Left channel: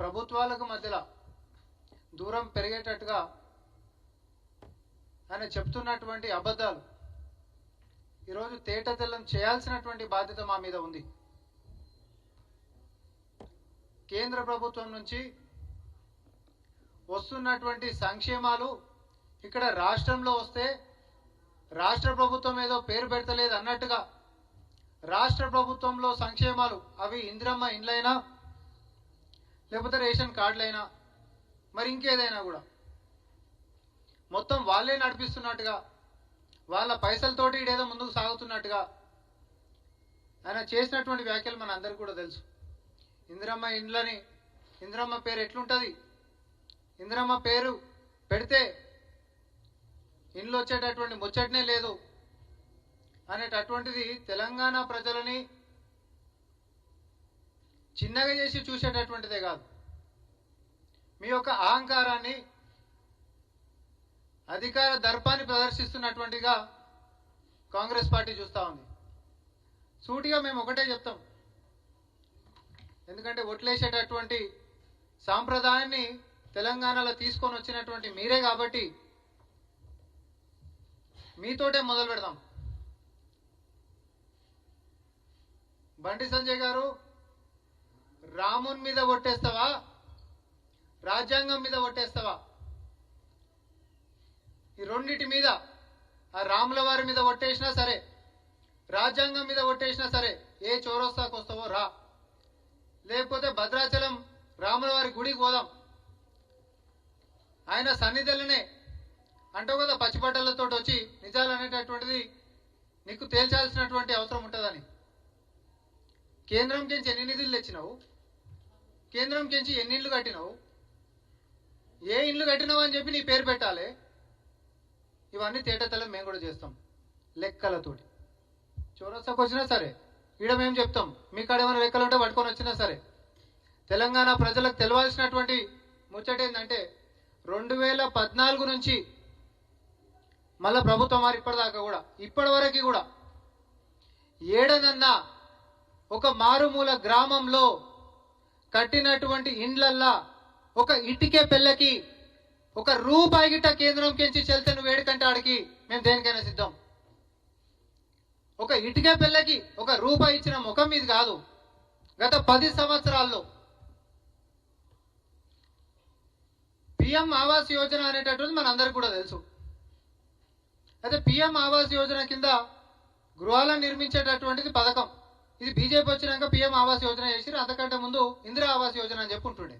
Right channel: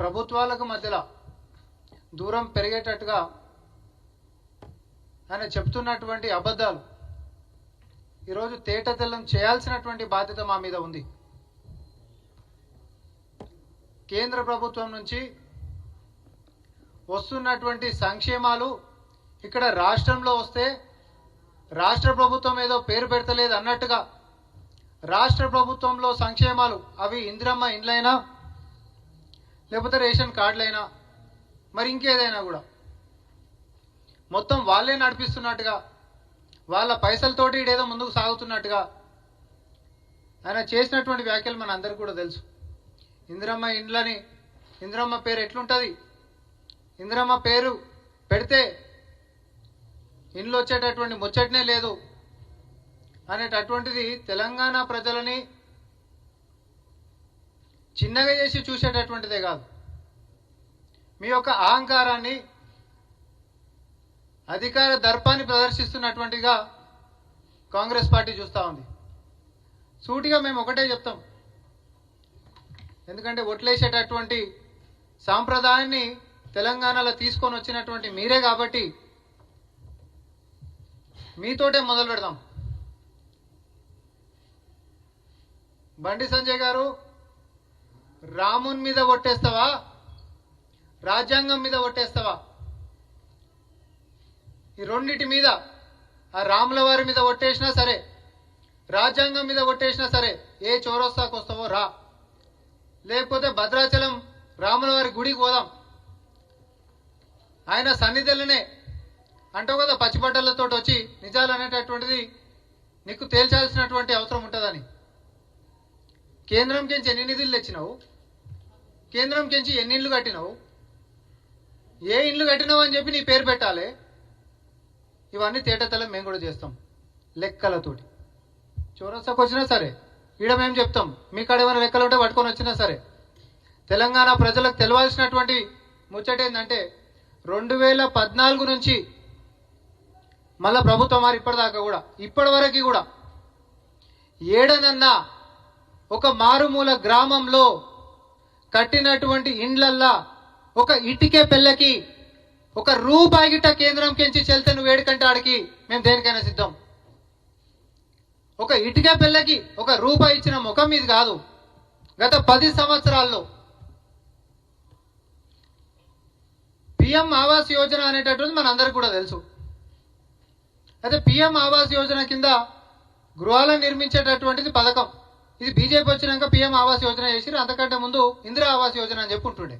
ప్రభుత్వాలకు మధ్యలో దూరం పెరిగేటట్టుగా ఆయన చెప్తున్నటువంటి అబద్ధాలు ఈరోజు తేటతెల్లం చేయాల్సినటువంటి బాధ్యత మా మీద ఉంది. కేంద్ర ప్రభుత్వం నుంచి వస్తున్నటువంటి సంక్షేమాలు ఇక్కడ రాష్ట్రంలో వస్తే రాష్ట్ర ప్రభుత్వం ఏదో పేరు పెడతలేదు అన్నట్టుగా రాష్ట్ర ప్రభుత్వంలో సంక్షేమాలు అవి ఇందిరమ్మ ఇండ్లైనా లేకపోతే రేషన్ కార్డులైనా మరి ఇంకేదైనా కూడా మొత్తం వాళ్ళే నడిపిస్తున్నట్టుగా వాళ్ళ పైసలతోటి ఇడేదో ముందుకు సాగుతున్నట్టుగా ఆయన చేసినటువంటి వ్యాఖ్యలు మన అందరికీ కూడా తెలుసు. ఇందిరమ్మ ఇండ్లని ఇందిరమ్మ పేరు ఎట్లుంటుంది, ఇందిరమ్మ పేరు పెడితే ఇండ్లు వచ్చేటటువంటి ముచ్చటనే లేదు అనేటటువంటిది తెలంగాణ ప్రజలని చిన్నగా చేసి చూసేటటువంటిదే కాదు, మీ యొక్క అహంకారాన్ని అధికార దర్పాన్ని ప్రదర్శిస్తున్నటువంటిగా కాంగ్రెస్ పార్టీ చూస్తూ ఉంది. సూటిగా మేము ఒకటే చెప్తాం, ఎందుకంటే ఓట్లేసేటటువంటి సాంప్రదాయాన్ని తెలంగాణలో తీసుకొని వచ్చినటువంటి మీరే కాబట్టి మీతోటే మొదలు పెడదాం. బండి సంజయ్ గారు, రాముని మీద ఒట్టేస్తావా, రాజ్యాంగం మీద ఒట్టేస్తావా? ఈ రెండింటి మీద, ఆ రాముల వారి మీద ఒట్టేసినా సరే, రాజ్యాంగం మీద ఒట్టేసినా సరే, ఏ చౌరస్తాకు వస్తావో రా, లేకపోతే భద్రాచలం రాముల వారి గుడికి పోదాం, ఆయన సన్నిధులనే అంటావు కదా పచ్చిబట్టలతో వచ్చి నిజాలు అనేటటువంటిది నీకు తేల్చాల్సినటువంటి అవసరం ఉంటుందని. కేంద్రం కించి ఎన్ని నిధులు తెచ్చినావు, కేంద్రం కించి ఎన్ని ఇళ్ళు కట్టినావు, ఏ ఇళ్ళు కట్టినావు అని చెప్పి నీ పేరు పెట్టాలి. ఇవన్నీ తేటతెల్లం మేము కూడా చేస్తాం లెక్కలతోటి. చౌరస్తాకు వచ్చినా సరే ఈడ మేము చెప్తాం, మీ కాడ ఏమైనా లెక్కలు ఉంటే పట్టుకొని వచ్చినా సరే. తెలంగాణ ప్రజలకు తెలవాల్సినటువంటి ముచ్చట ఏంటంటే 2014 నుంచి మళ్ళా ప్రభుత్వం వారు ఇప్పటిదాకా కూడా ఇప్పటి వరకు కూడా ఏడనన్నా ఒక మారుమూల గ్రామంలో కట్టినటువంటి ఇండ్లల్లా ఒక ఇటుకే పెళ్ళకి ఒక రూపాయి గిట్ట కేంద్రం కించి చెల్తే నువ్వు ఏడుకంటే ఆడికి మేము దేనికైనా సిద్ధం. ఒక ఇటుకే పెళ్ళకి ఒక రూపాయి ఇచ్చిన ముఖం మీద కాదు. గత 10 సంవత్సరాల్లో పిఎం ఆవాస్ యోజన అనేటటువంటి మనందరికీ కూడా తెలుసు. అయితే పిఎం ఆవాస్ యోజన కింద గృహాలను నిర్మించేటటువంటిది పథకం. ఇది బీజేపీ వచ్చినాక పిఎం ఆవాస్ యోజన చేసిరు. అంతకంటే ముందు ఇందిరా ఆవాస్ యోజన అని చెప్పుకుంటుండే.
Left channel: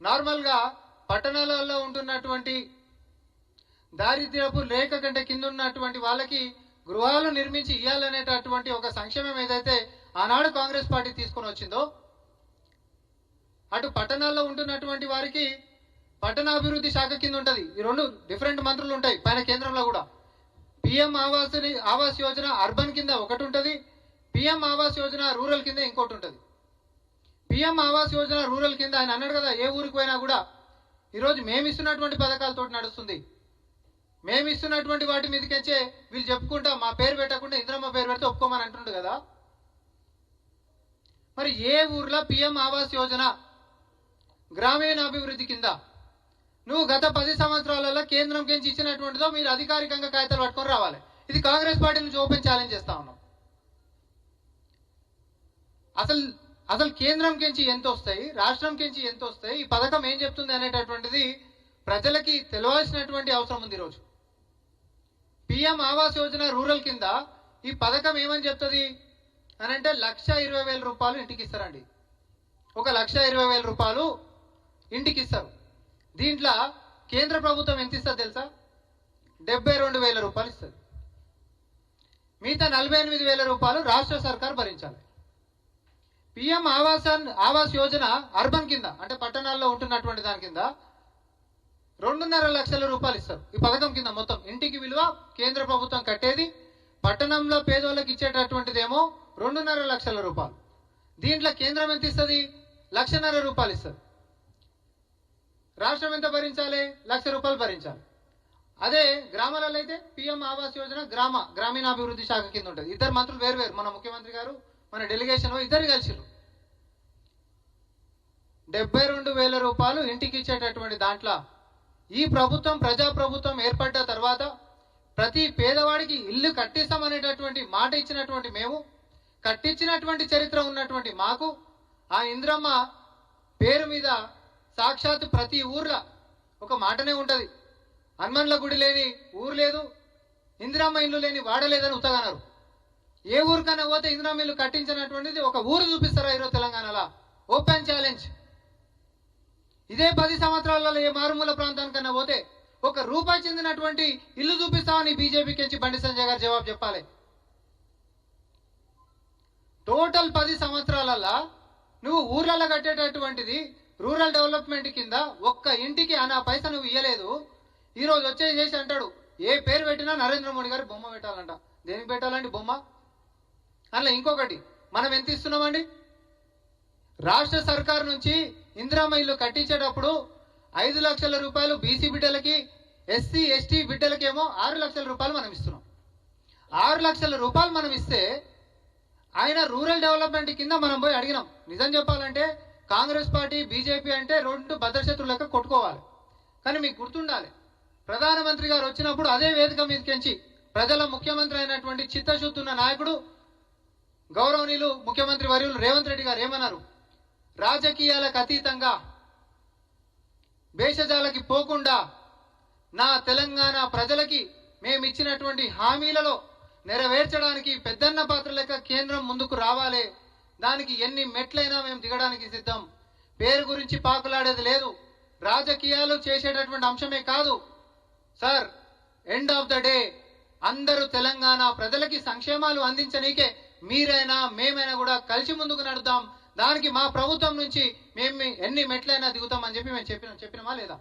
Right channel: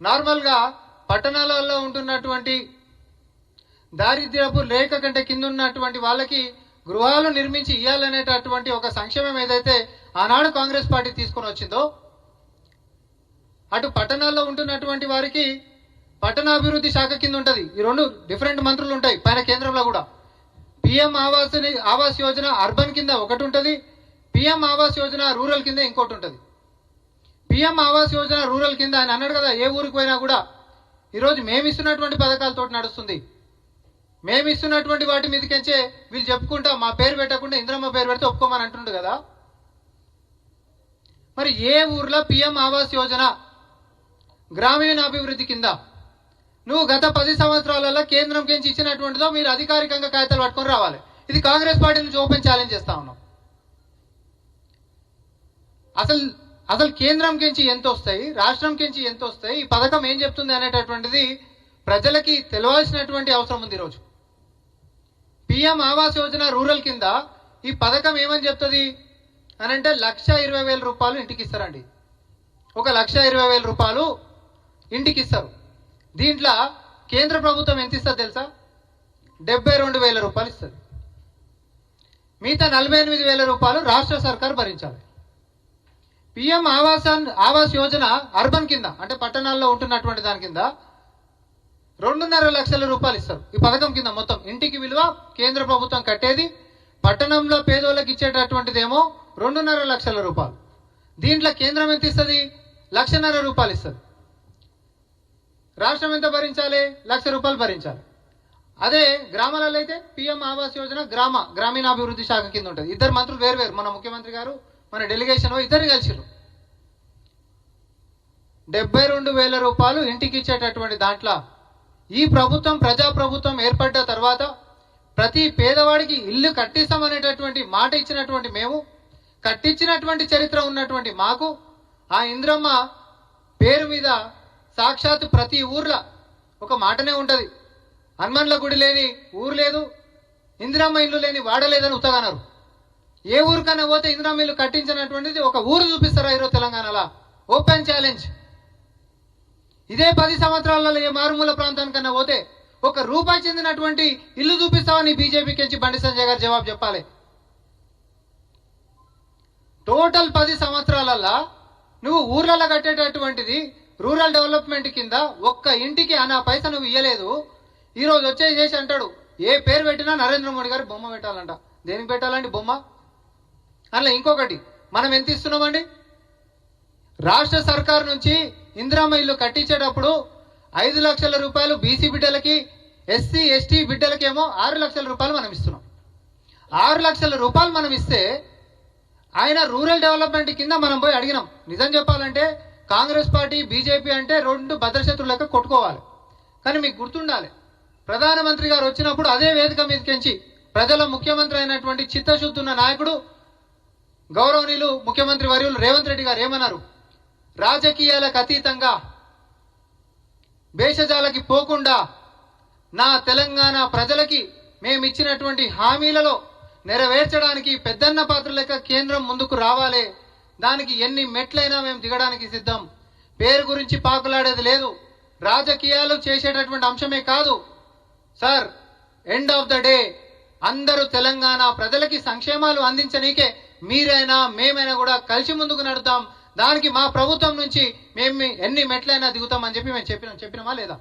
నార్మల్గా పట్టణాలలో ఉంటున్నటువంటి దారిద్ర్యపు రేఖ కంటే కింద ఉన్నటువంటి వాళ్ళకి గృహాలు నిర్మించి ఇవ్వాలనేటటువంటి ఒక సంక్షేమం ఏదైతే ఆనాడు కాంగ్రెస్ పార్టీ తీసుకొని వచ్చిందో, అటు పట్టణాల్లో ఉంటున్నటువంటి వారికి పట్టణాభివృద్ధి శాఖ కింద ఉంటుంది. ఈ రెండు డిఫరెంట్ మంత్రులు ఉంటాయి పైన కేంద్రంలో కూడా. పిఎం ఆవాస్ యోజన అర్బన్ కింద ఒకటి ఉంటుంది, పిఎం ఆవాస్ యోజన రూరల్ కింద ఇంకోటి ఉంటుంది. పిఎం ఆవాస్ యోజన రూరల్ కింద ఆయన అన్నాడు కదా, ఏ ఊరికి పోయినా కూడా ఈరోజు మేము ఇస్తున్నటువంటి పథకాలతో నడుస్తుంది, మేము ఇస్తున్నటువంటి వాటి మీదకించే వీళ్ళు చెప్పుకుంటా మా పేరు పెట్టకుండా ఇంద్రమ్మ పేరు పెడితే ఒప్పుకోమని అంటుండు కదా. మరి ఏ ఊర్లో పిఎం ఆవాస్ యోజన గ్రామీణ అభివృద్ధి కింద నువ్వు గత 10 సంవత్సరాలలో కేంద్రం కించి ఇచ్చినటువంటిదో మీరు అధికారికంగా కాగితాలు పట్టుకొని రావాలి. ఇది కాంగ్రెస్ పార్టీ నుంచి ఓపెన్ ఛాలెంజ్ చేస్తా ఉన్నాం. అసలు కేంద్రం కించి ఎంత వస్తాయి, రాష్ట్రం కించి ఎంత వస్తాయి, ఈ పథకం ఏం చెప్తుంది అనేటటువంటిది ప్రజలకి తెలవాల్సినటువంటి అవసరం ఉంది. ఈరోజు పిఎం ఆవాస్ యోజన రూరల్ కింద ఈ పథకం ఏమని చెప్తుంది అని అంటే 1,20,000 రూపాయలు ఇంటికి ఇస్తారండి. 1,20,000 రూపాయలు ఇంటికి ఇస్తారు. దీంట్లో కేంద్ర ప్రభుత్వం ఎంత ఇస్తుంది తెలుసా? 72,000 రూపాయలు ఇస్తుంది. మిగతా 48,000 రూపాయలు రాష్ట్ర సర్కారు భరించాలి. పిఎం ఆవాస్ యోజన అర్బన్ కింద అంటే పట్టణాల్లో ఉంటున్నటువంటి దాని కింద 2.5 లక్షల రూపాయలు ఇస్తారు. ఈ పథకం కింద మొత్తం ఇంటికి విలువ కేంద్ర ప్రభుత్వం కట్టేది, పట్టణంలో పేదోళ్ళకి ఇచ్చేటటువంటిదేమో 2.5 లక్షల రూపాయలు. దీంట్లో కేంద్రం ఎంత ఇస్తుంది? 1,50,000 రూపాయలు ఇస్తుంది. రాష్ట్రం ఎంత భరించాలి? 1,00,000 రూపాయలు భరించాలి. అదే గ్రామాలలో అయితే పిఎం ఆవాస్ యోజన గ్రామీణాభివృద్ధి శాఖ కింద ఉంటుంది. ఇద్దరు మంత్రులు వేరు, మన ముఖ్యమంత్రి గారు మన డెలిగేషన్ ఇద్దరు కలిసిరు. 72,000 రూపాయలు ఇంటికి ఇచ్చేటటువంటి దాంట్లో ఈ ప్రభుత్వం ప్రజాప్రభుత్వం ఏర్పడ్డ తర్వాత ప్రతి పేదవాడికి ఇల్లు కట్టిస్తామనేటటువంటి మాట ఇచ్చినటువంటి మేము, కట్టించినటువంటి చరిత్ర ఉన్నటువంటి మాకు ఆ ఇంద్రమ్మ పేరు మీద సాక్షాత్ ప్రతి ఊర్లో ఒక మాటనే ఉంటుంది, హనుమన్ల గుడి లేని ఊరు లేదు, ఇందిరమ్మ ఇల్లు లేని వాడలేదని ఉత్తగన్నారు. ఏ ఊరికన్నా పోతే ఇందిరమ్మ ఇల్లు కట్టించినటువంటిది ఒక ఊరు చూపిస్తారా ఈరోజు తెలంగాణలో? Open challenge. ఇదే 10 సంవత్సరాలలో ఏ మారుమూల ప్రాంతానికన్నా పోతే ఒక రూపాయి చెందినటువంటి ఇల్లు చూపిస్తావని బీజేపీకి నుంచి బండి సంజయ్ గారు జవాబు చెప్పాలి. టోటల్ 10 సంవత్సరాలలో నువ్వు ఊర్లలో కట్టేటటువంటిది రూరల్ డెవలప్మెంట్ కింద ఒక్క ఇంటికి అనా పైసా నువ్వు ఇయ్యలేదు. ఈరోజు వచ్చేసేసి అంటాడు ఏ పేరు పెట్టినా నరేంద్ర మోడీ గారి బొమ్మ పెట్టాలంట. దేనికి పెట్టాలండి బొమ్మ? అలా ఇంకొకటి, మనం ఎంత ఇస్తున్నామండి? రాష్ట్ర సర్కార్ నుంచి ఇందిరమ్మ ఇల్లు కట్టించేటప్పుడు 5 లక్షల రూపాయలు బీసీ బిడ్డలకి, ఎస్సీ ఎస్టీ బిడ్డలకేమో 6 లక్షల రూపాయలు మనం ఇస్తున్నాం. 6 లక్షల రూపాయలు మనం ఇస్తే ఆయన రూరల్ డెవలప్మెంట్ కింద మనం పోయి అడిగినాం. నిజం చెప్పాలంటే కాంగ్రెస్ పార్టీ బీజేపీ అంటే 2 భద్రశత్రులు లెక్క కొట్టుకోవాలి. కానీ మీకు గుర్తుండాలి, ప్రధానమంత్రి గారు వచ్చినప్పుడు అదే వేదిక మీదకించి ప్రజల ముఖ్యమంత్రి అయినటువంటి చిత్తశుద్ధి ఉన్న నాయకుడు గౌరవనీయులు ముఖ్యమంత్రి వర్యులు రేవంత్ రెడ్డి గారు ఏమన్నారు? రాజకీయాలకు అతీతంగా భేషజాలకి పోకుండా నా తెలంగాణ ప్రజలకి మేము ఇచ్చినటువంటి హామీలలో నెరవేర్చడానికి పెద్దన్న పాత్ర లెక్క కేంద్రం ముందుకు రావాలి. దానికి ఎన్ని మెట్లైనా మేము దిగడానికి సిద్ధం. పేరు గురించి పాకులాడేది లేదు, రాజకీయాలు చేసేటటువంటి అంశమే కాదు sir. End of the day అందరూ తెలంగాణ ప్రజలకి సంక్షేమాలు అందించనీకే మీరైనా మేమైనా కూడా కలిసి ముందుకు నడుద్దాం. దానికి మా ప్రభుత్వం నుంచి మేము ఎన్ని మెట్లైనా దిగుతామని చెప్పి మేము చెప్పినామా లేదా?